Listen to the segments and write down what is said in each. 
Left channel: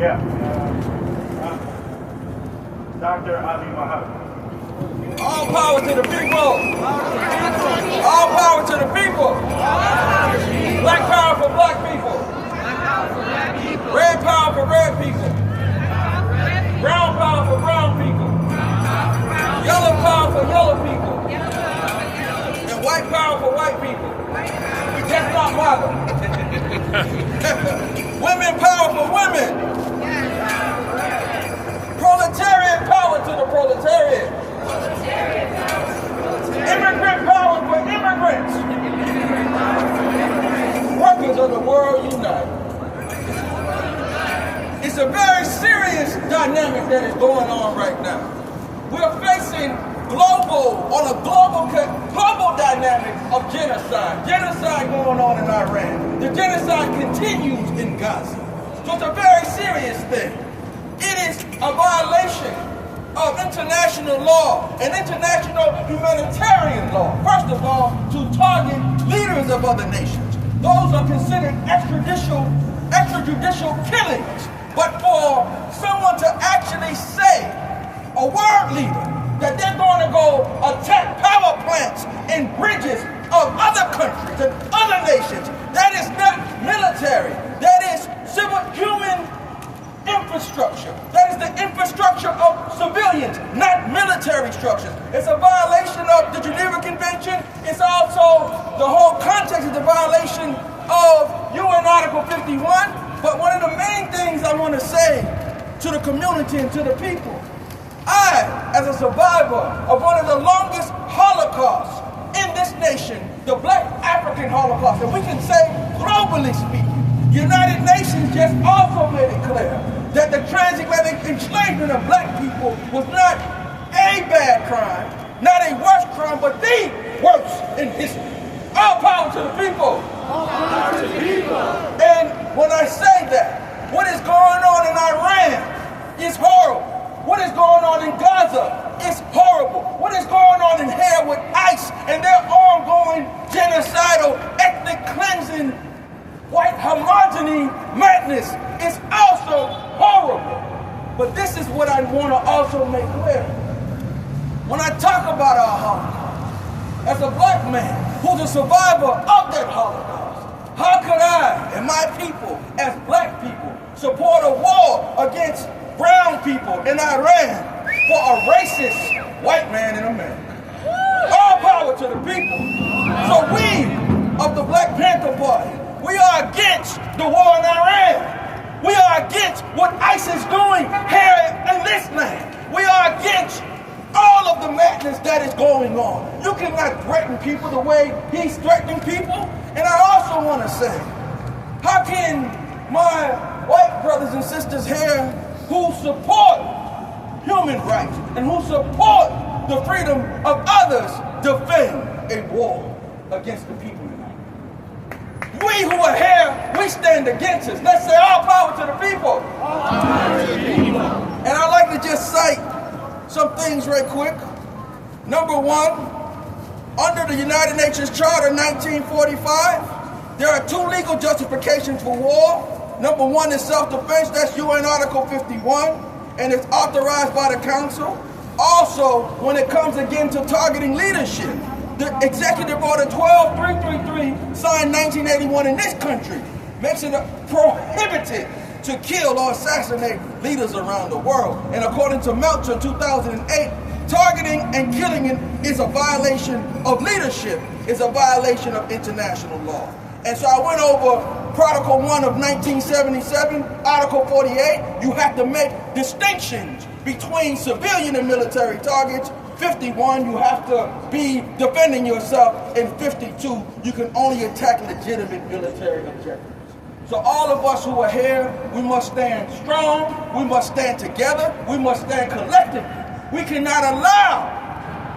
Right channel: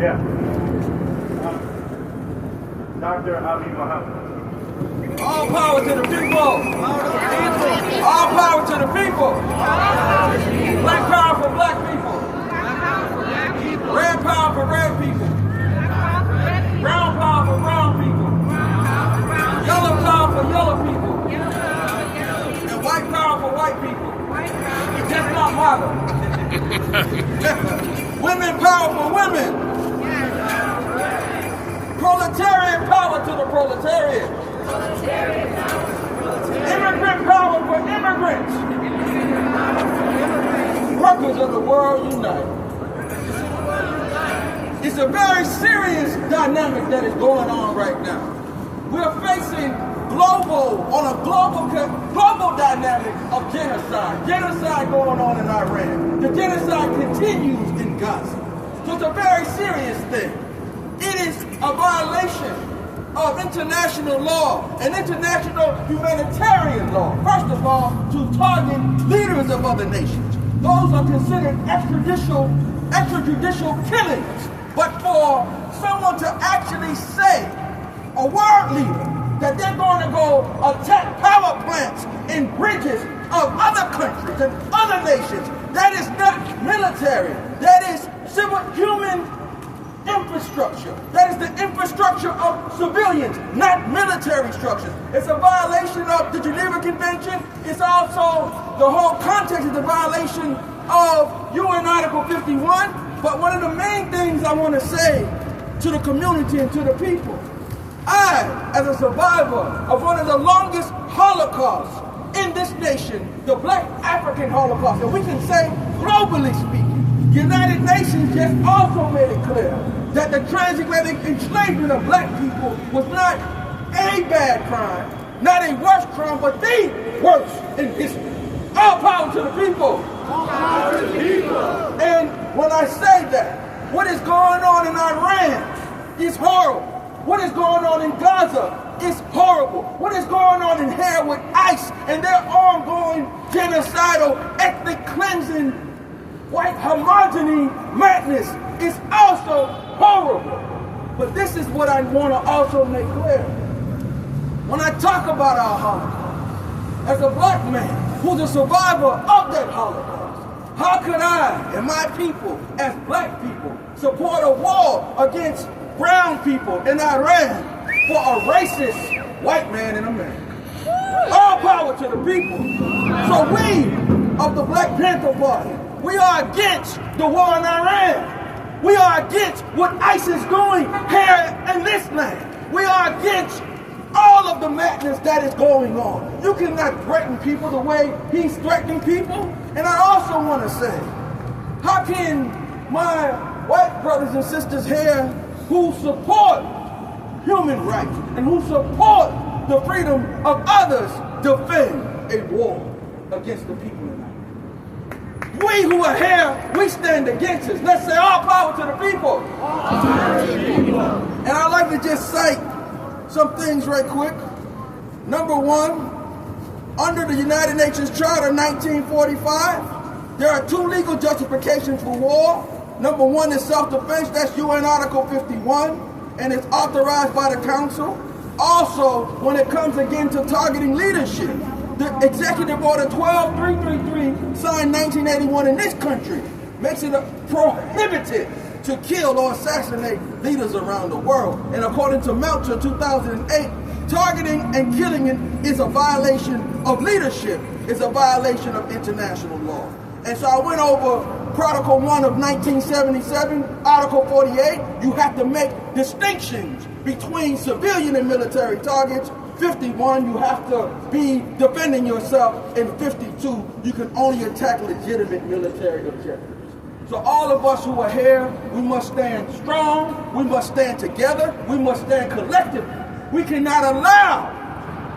Yeah. Dr Mohamed. All power to the people. All power to the people. Black power for black people. Red power for red people. Brown power for brown people. Yellow power for yellow people. And white power for white people. Just not mother. Women power for women. Proletariat power to the proletariat. Immigrant power for immigrants. Workers of the world unite. It's a very serious dynamic that is going on right now. We're facing global dynamic of genocide. Genocide going on in Iran. The genocide continues in Gaza. So it's a very serious thing. It is a violation of international law and international humanitarian law. First of all, to target leaders of other nations. Those are considered extrajudicial killings. But for someone to actually say, a world leader, that they're going to go attack power plants and bridges of other countries and other nations, that is not military. That is civil human infrastructure. That is the infrastructure of civilians, not military structures. It's a violation of the Geneva Convention. It's also, the whole context is the violation of UN Article 51. But one of the main things I want to say to the community and to the people, I, as a survivor of one of the longest holocausts in this nation, the Black African Holocaust, and we can say globally speaking, the United Nations just also made it clear that the transatlantic enslavement of black people was not a bad crime, not a worse crime, but the worst in history. All power to the people. All power to the people. And when I say that, what is going on in Iran is horrible. What is going on in Gaza is horrible. What is going on in here with ICE and their ongoing genocidal, ethnic cleansing, white homogeny madness is also horrible. But this is what I want to also make clear. When I talk about our Holocaust, as a black man who's a survivor of that Holocaust, how could I and my people, as black people, support a war against brown people in Iran for a racist white man in America? All power to the people. So we of the Black Panther Party, we are against the war in Iran. We are against what ICE is doing here in this land. We are against all of the madness that is going on. You cannot threaten people the way he's threatening people. And I also want to say, how can my white brothers and sisters here who support human rights and who support the freedom of others defend a war against the people? We who are here, we stand against us. Let's say all power to the people. All power to the people. And I'd like to just cite some things right quick. Number one, under the United Nations Charter 1945, there are two legal justifications for war. Number one is self-defense, that's UN Article 51, and it's authorized by the Council. Also, when it comes again to targeting leadership, the Executive Order 12333, signed 1981 in this country, makes it prohibited to kill or assassinate leaders around the world. And according to Melcher 2008, targeting and killing is a violation of leadership, is a violation of international law. And so I went over Protocol 1 of 1977, Article 48. You have to make distinctions between civilian and military targets. 51, you have to be defending yourself. And 52, you can only attack legitimate military objectives. So all of us who are here, we must stand strong, we must stand together, we must stand collectively. We cannot allow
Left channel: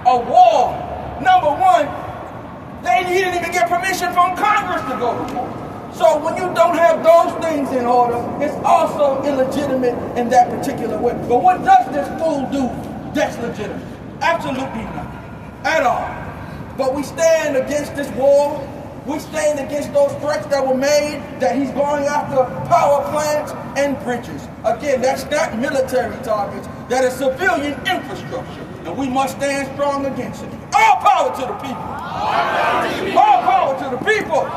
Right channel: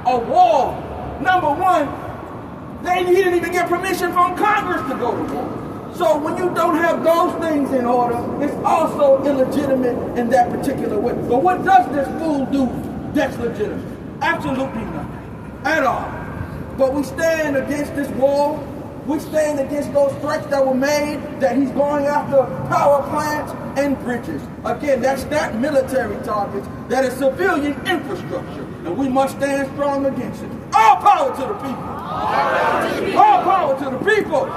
a war. Number one, he didn't even get permission from Congress to go to war. So when you don't have those things in order, it's also illegitimate in that particular way. But what does this fool do that's legitimate? Absolutely nothing at all. But we stand against this war. We stand against those threats that were made, that he's going after power plants and bridges. Again, that's not military targets, that is civilian infrastructure. And we must stand strong against it. All power to the people. All power to the people.